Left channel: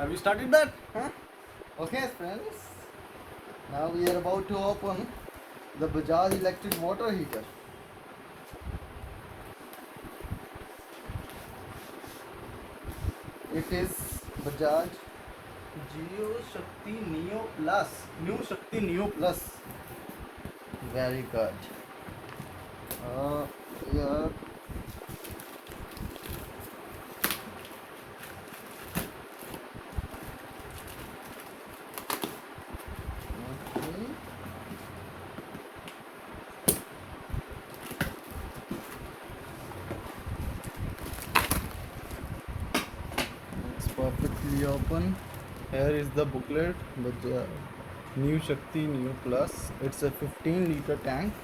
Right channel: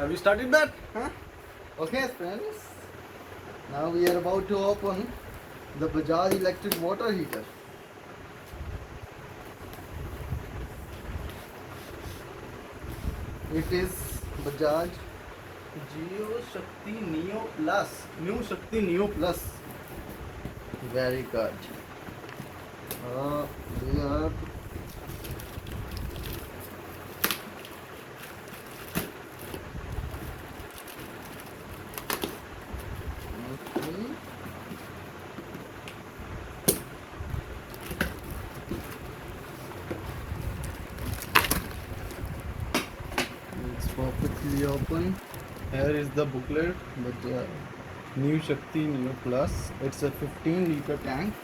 Have we started that? Huh? Okay, friends. Now we are about to open the Bajaj electric water heater. It is Bajaj Geo Shakti Neo Plus. New Shakti Neo Plus. Very good. We are okay. It's perfectly open. Here is the booklet with the New Shakti Neo Plus. It's a 15-liter tank.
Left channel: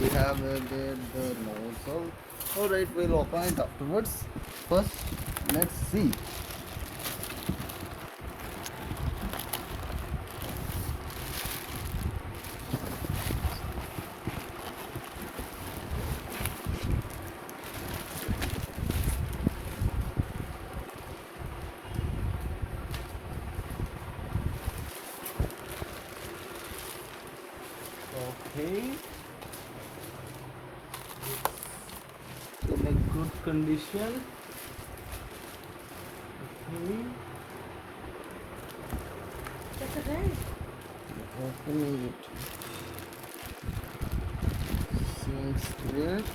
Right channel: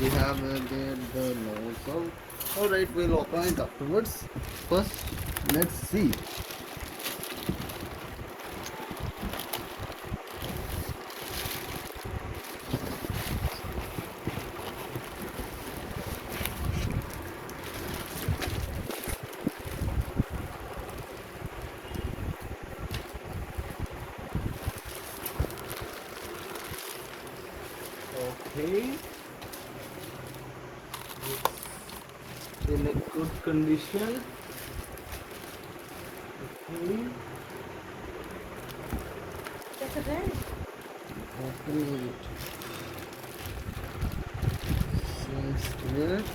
We have the nozzle. Alright, we'll open it afterwards. First, let's see. Okay. It's in a good condition. Okay. Opening it. Seems great.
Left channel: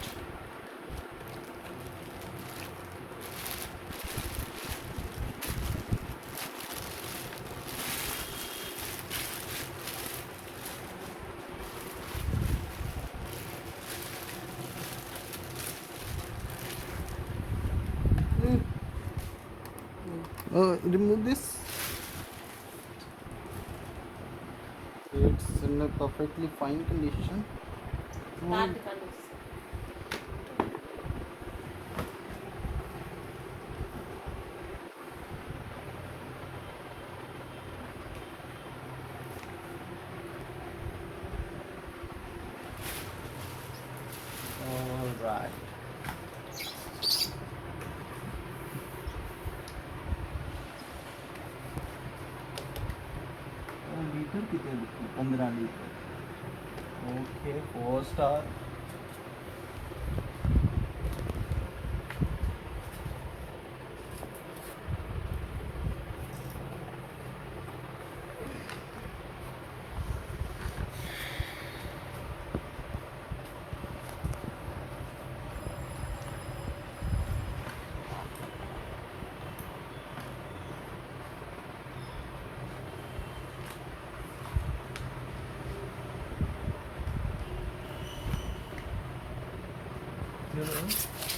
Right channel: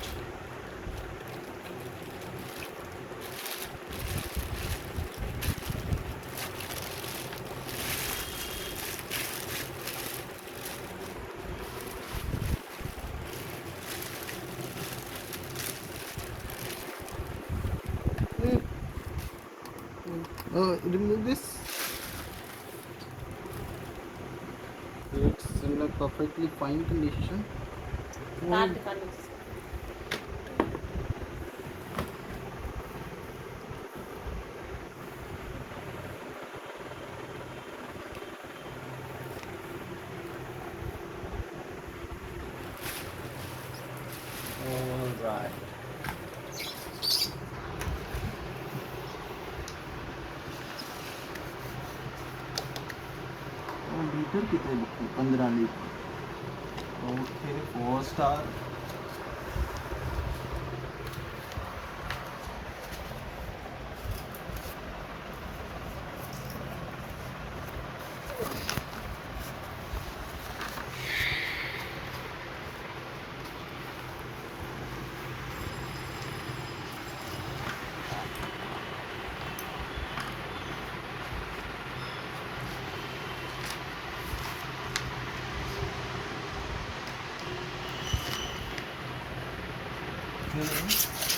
Remove this. It's in a perfectly fine condition. Alright. Litre कितने लिखे 15 litre Okay, 4 star. You know.